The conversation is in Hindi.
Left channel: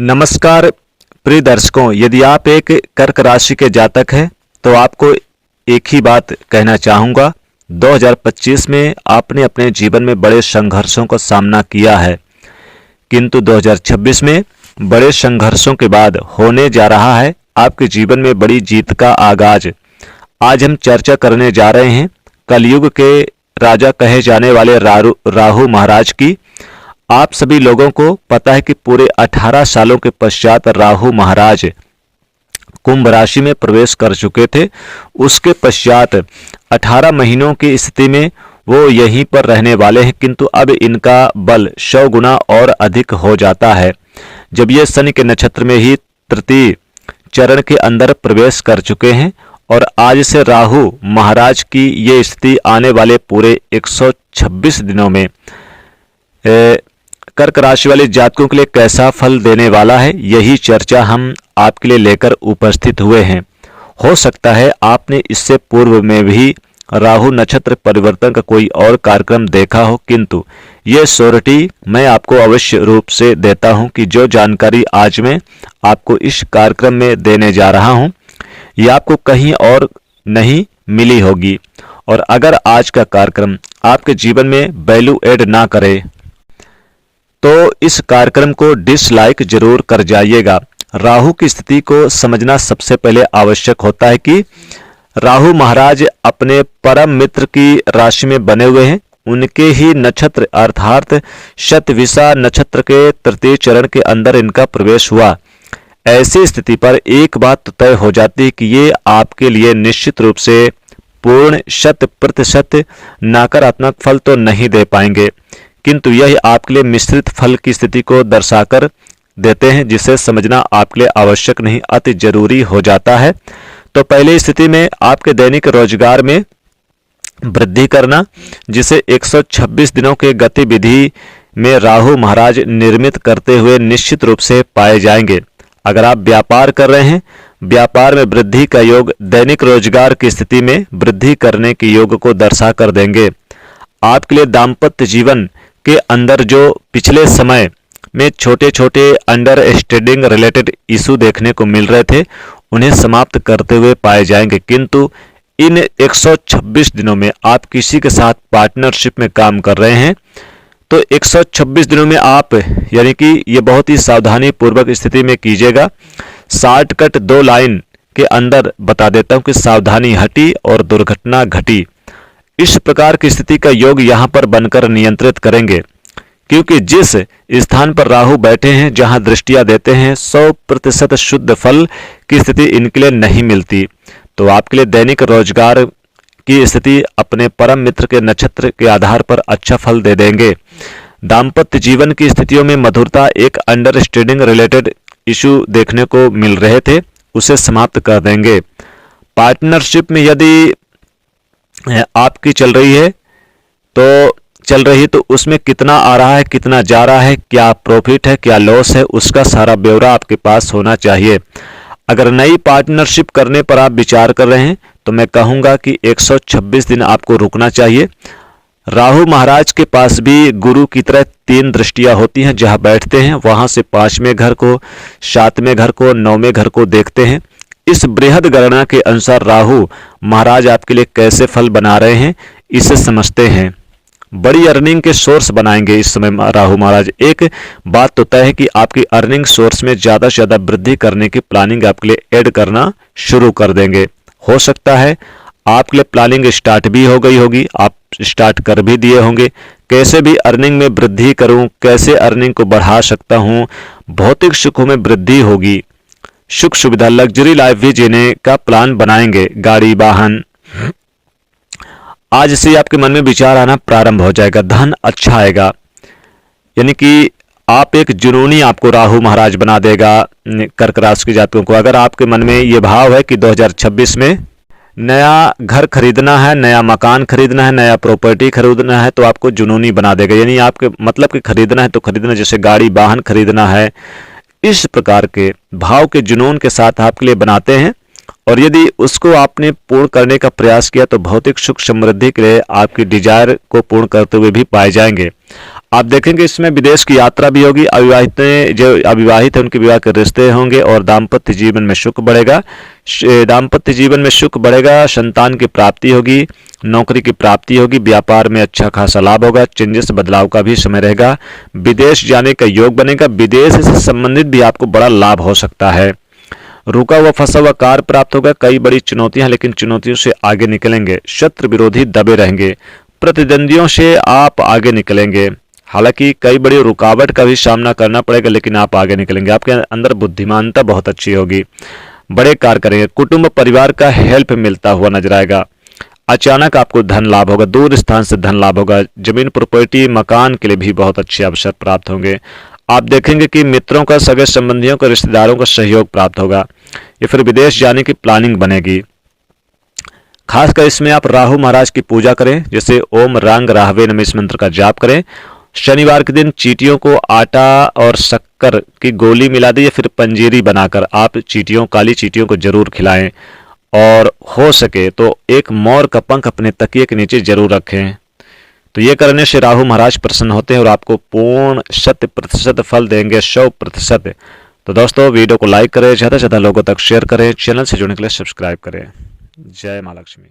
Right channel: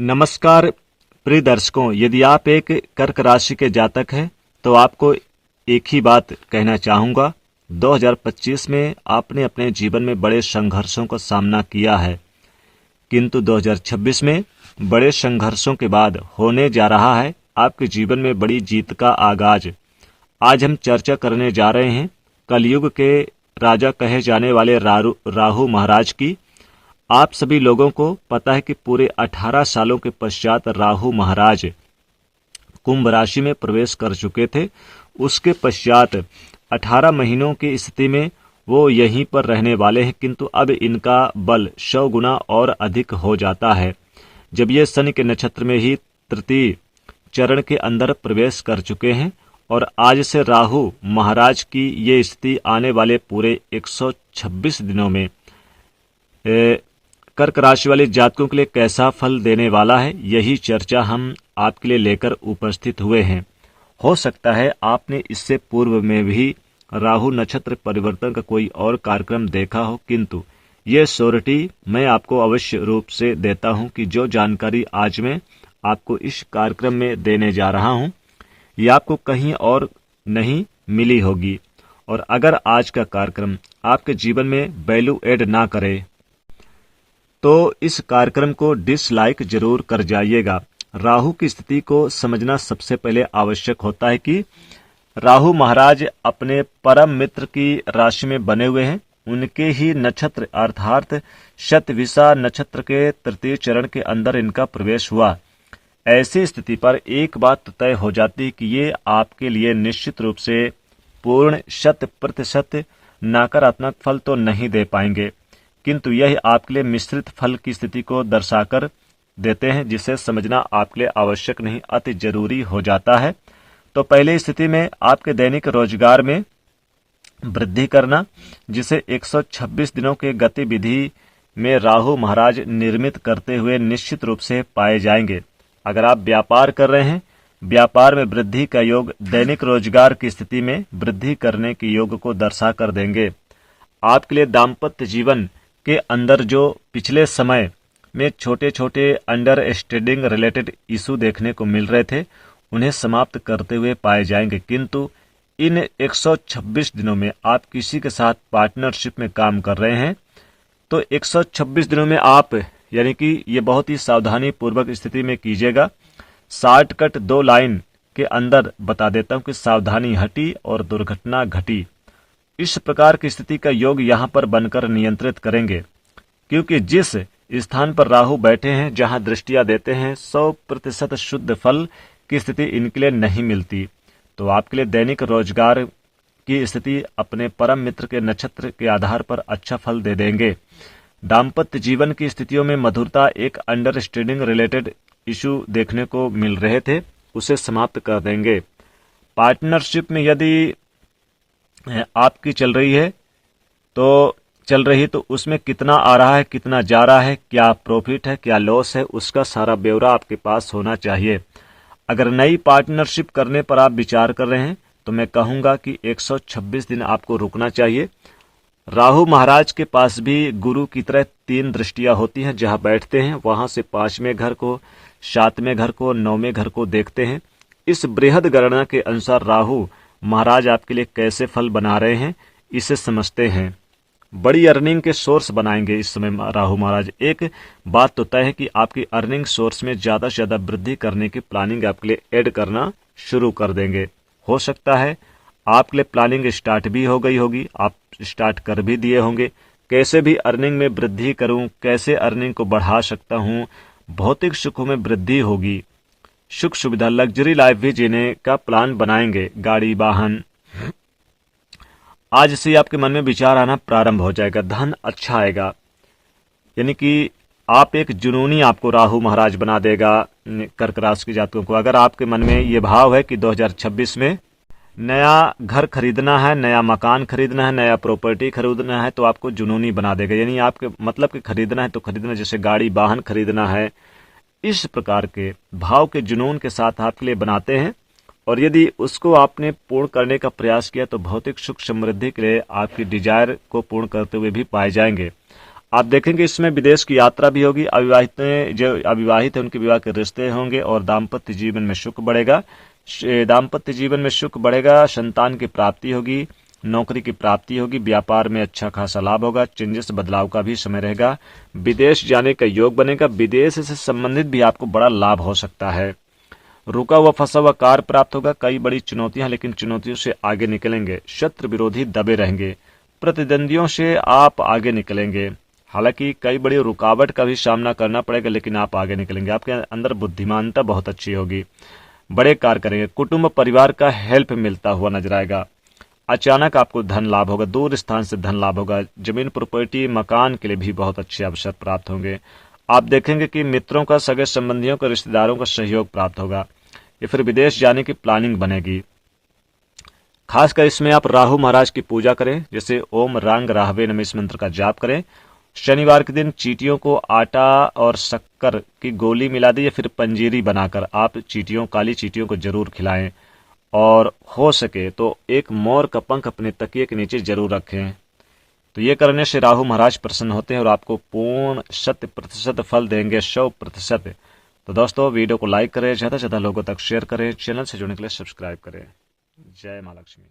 नमस्कार प्रिय दर्शकों, यदि आप एक कर्क राशि के जातक हैं तो आपको एक ही बात कहना चाहूँगा। 2025 में आपने अपने जीवन में बड़े संघर्षों का सामना किया है, किंतु 2026 में बड़े संघर्षों के बाद होने जा रहा है आपके जीवन में बड़ी जीत का आगाज। आज हम चर्चा करने जा रहे हैं कलयुग के राजा कहे जाने वाले राहु महाराज की। आप सभी लोगों को पता है कि पूरे 18 सालों के पश्चात राहु महाराज कुंभ राशि में प्रवेश कर चुके थे। उसके पश्चात 18 महीनों की स्थिति में वो यहीं पर रहने वाले हैं, किंतु अब इनका बल 100 गुना और अधिक हो जाता है जब ये शनि के नक्षत्र में ही तृतीय चरण के अंदर प्रवेश कर चुके हैं। और आज से राहु महाराज की ये स्थिति आने वाले पूरे 126 दिनों में कर्क राशि वाले जातकों के लिए कैसा फल देने वाला है, यही चर्चा हम आपके लिए लेकर उपस्थित हुए हैं। हो सकता है आपने इससे पूर्व में भी राहु नक्षत्र परिवर्तन का कोई और कार्यक्रम देखा हो, किंतु ये श्योरिटी मैं आपको अवश्य रूप से देता हूं कि जो जानकारी आज मैं आपको इस कार्यक्रम में देने जा रहा हूं, ये आपको कहीं और नहीं मिली होगी। और अगर आज का कार्यक्रम आपके जीवन में वैल्यू ऐड ना करे तो इस कार्यक्रम को डिसलाइक जरूर कर जाइएगा। राहु की स्थिति को समझना सबसे पहले आवश्यक होता है कि राहु महाराज अपने परम मित्र की राशि में बने हुए हैं। उनके ही नक्षत्र अर्थात शतविषा नक्षत्र के तृतीय चरण के अंदर इनका प्रवेश हुआ। ऐसी स्थिति पर एक बात तो तय हो जाती है कि ये आपके लिए निश्चित रूप से पूर्ण 100% नकारात्मक फल तो नहीं दे पाएंगे, किंतु यह आपके लिए मिश्रित फल की स्थिति को दर्शाकर देते हैं, जिसे समझना आपके लिए आवश्यक नहीं अति जरूरी हो जाता है। तो पहली स्थिति में आपके दैनिक रोजगार में वृद्धि करना, जिसे 126 दिनों के गतिविधि में राहु महाराज निर्मित करते हुए निश्चित रूप से पाए जाएंगे। अगर आप व्यापार कर रहे हैं, व्यापार में वृद्धि का योग दैनिक रोजगार की स्थिति में वृद्धि करने के योग को दर्शा कर देंगे। आपके लिए दाम्पत्य जीवन के अंदर जो पिछले समय में छोटे छोटे अंडरस्टैंडिंग रिलेटेड इशू देखने को मिल रहे थे, उन्हें समाप्त करते हुए पाए जाएंगे। किंतु इन 126 दिनों में आप किसी के साथ पार्टनरशिप में काम कर रहे हैं तो 126 दिनों में आप यानी कि ये बहुत ही सावधानी पूर्वक स्थिति में कीजिएगा। शॉर्टकट 2 लाइन के अंदर बता देता हूं कि सावधानी हटी और दुर्घटना घटी। इस प्रकार की स्थिति का योग यहाँ पर बनकर नियंत्रित करेंगे, क्योंकि जिस स्थान पर राहु बैठे हैं, जहां दृष्टियां देते हैं, 100% शुद्ध फल की स्थिति इनके लिए नहीं मिलती। तो आपके लिए दैनिक रोजगार की स्थिति अपने परम मित्र के नक्षत्र के आधार पर अच्छा फल दे देंगे। दाम्पत्य जीवन की स्थितियों में मधुरता, एक अंडरस्टैंडिंग रिलेटेड इशू देखने को मिल रहे थे, उसे समाप्त कर देंगे। पार्टनरशिप में यदि आपकी चल रही है तो उसमें कितना आ रहा है, कितना जा रहा है, क्या प्रॉफिट है, क्या लॉस है, उसका सारा ब्यौरा आपके पास होना चाहिए। अगर नई पार्टनरशिप करने पर आप विचार कर रहे हैं तो मैं कहूंगा कि 126 दिन आपको रुकना चाहिए। राहु महाराज के पास भी गुरु की तरह 3 दृष्टियां होती हैं, जहां बैठते हैं वहां से 5वें घर को, 7वें घर को, 9वें घर को देखते हैं। इस बृहद गणना के अनुसार राहु महाराज आपके लिए कैसे फल बना रहे हैं, इसे समझते हैं। बड़ी अर्निंग के सोर्स बनाएंगे इस समय राहु महाराज। एक बात तो तय है कि आपकी अर्निंग सोर्स में ज्यादा से ज्यादा वृद्धि करने की प्लानिंग आपके लिए ऐड करना शुरू कर देंगे। हो सकता है आपके लिए प्लानिंग स्टार्ट भी हो गई होगी, आप स्टार्ट कर भी दिए होंगे। कैसे भी अर्निंग में वृद्धि करूं, कैसे अर्निंग को बढ़ा सकता हूं, भौतिक सुखों में वृद्धि होगी, सुख सुविधा लग्जरी लाइफ भी जीने का प्लान बनाएंगे। गाड़ी वाहन आज से आपके मन में विचार आना प्रारंभ हो जाएगा। धन अच्छा आएगा, यानी कि आप एक जुनूनी आपको राहु महाराज बना देगा कर्क राशि के जातकों को। अगर आपके मन में ये भाव है कि 2026 में नया घर खरीदना है, नया मकान खरीदना है, नया प्रॉपर्टी खरीदना है, तो आपको जुनूनी बना देगा। यानी आपके मतलब कि खरीदना है तो खरीदना, जैसे गाड़ी वाहन खरीदना है, इस प्रकार के भाव के जुनून के साथ आपके लिए बनाते हैं। और यदि उसको आपने पूर्ण करने का प्रयास किया तो भौतिक सुख समृद्धि के लिए आपकी डिजायर को पूर्ण करते हुए भी पाए जाएंगे। आप देखेंगे इसमें विदेश की यात्रा भी होगी। जो अविवाहित है उनके विवाह के रिश्ते होंगे और दाम्पत्य जीवन में सुख बढ़ेगा। दाम्पत्य जीवन में सुख बढ़ेगा, संतान की प्राप्ति होगी, नौकरी की प्राप्ति होगी, व्यापार में अच्छा खासा लाभ होगा, चेंजेस बदलाव का भी समय रहेगा, विदेश जाने का योग बनेगा, विदेश से संबंधित भी आपको बड़ा लाभ हो सकता है। रुका हुआ फंसा हुआ कार्य प्राप्त होगा। कई बड़ी चुनौतियां, लेकिन चुनौतियों से आगे निकलेंगे। शत्रु विरोधी दबे रहेंगे, प्रतिद्वंदियों से आप आगे निकलेंगे। हालांकि कई बड़ी रुकावट का भी सामना करना पड़ेगा, लेकिन आप आगे निकलेंगे। आपके अंदर बुद्धिमानता बहुत अच्छी होगी, बड़े कार्य करेंगे। कुटुंब परिवार का हेल्प मिलता हुआ नजर आएगा। अचानक आपको धन लाभ होगा, दूर स्थान से धन लाभ होगा। जमीन प्रॉपर्टी मकान के लिए भी बहुत अच्छे अवसर प्राप्त होंगे। आप देखेंगे कि मित्रों का, सगे संबंधियों का, रिश्तेदारों का सहयोग प्राप्त होगा या फिर विदेश जाने की प्लानिंग बनेगी। खासकर इसमें आप राहु महाराज की पूजा करें, जैसे ओम रंग राहवे नमः इस मंत्र का जाप करें। शनिवार के दिन चींटियों को आटा और शक्कर की गोली मिला दी या फिर पंजीरी बनाकर आप काली चींटियों को जरूर खिलाएं। और हो सके तो एक मोर का पंख अपने तकिए के नीचे जरूर रखें। तो ये करने से राहु महाराज प्रसन्न होते हैं और आपको पूर्ण 100% फल देंगे, 100%। तो दोस्तों वीडियो को लाइक करें, ज़्यादा से ज़्यादा लोगों तक शेयर करें, चैनल से जुड़ने के लिए सब्सक्राइब करें। जय माँ लक्ष्मी।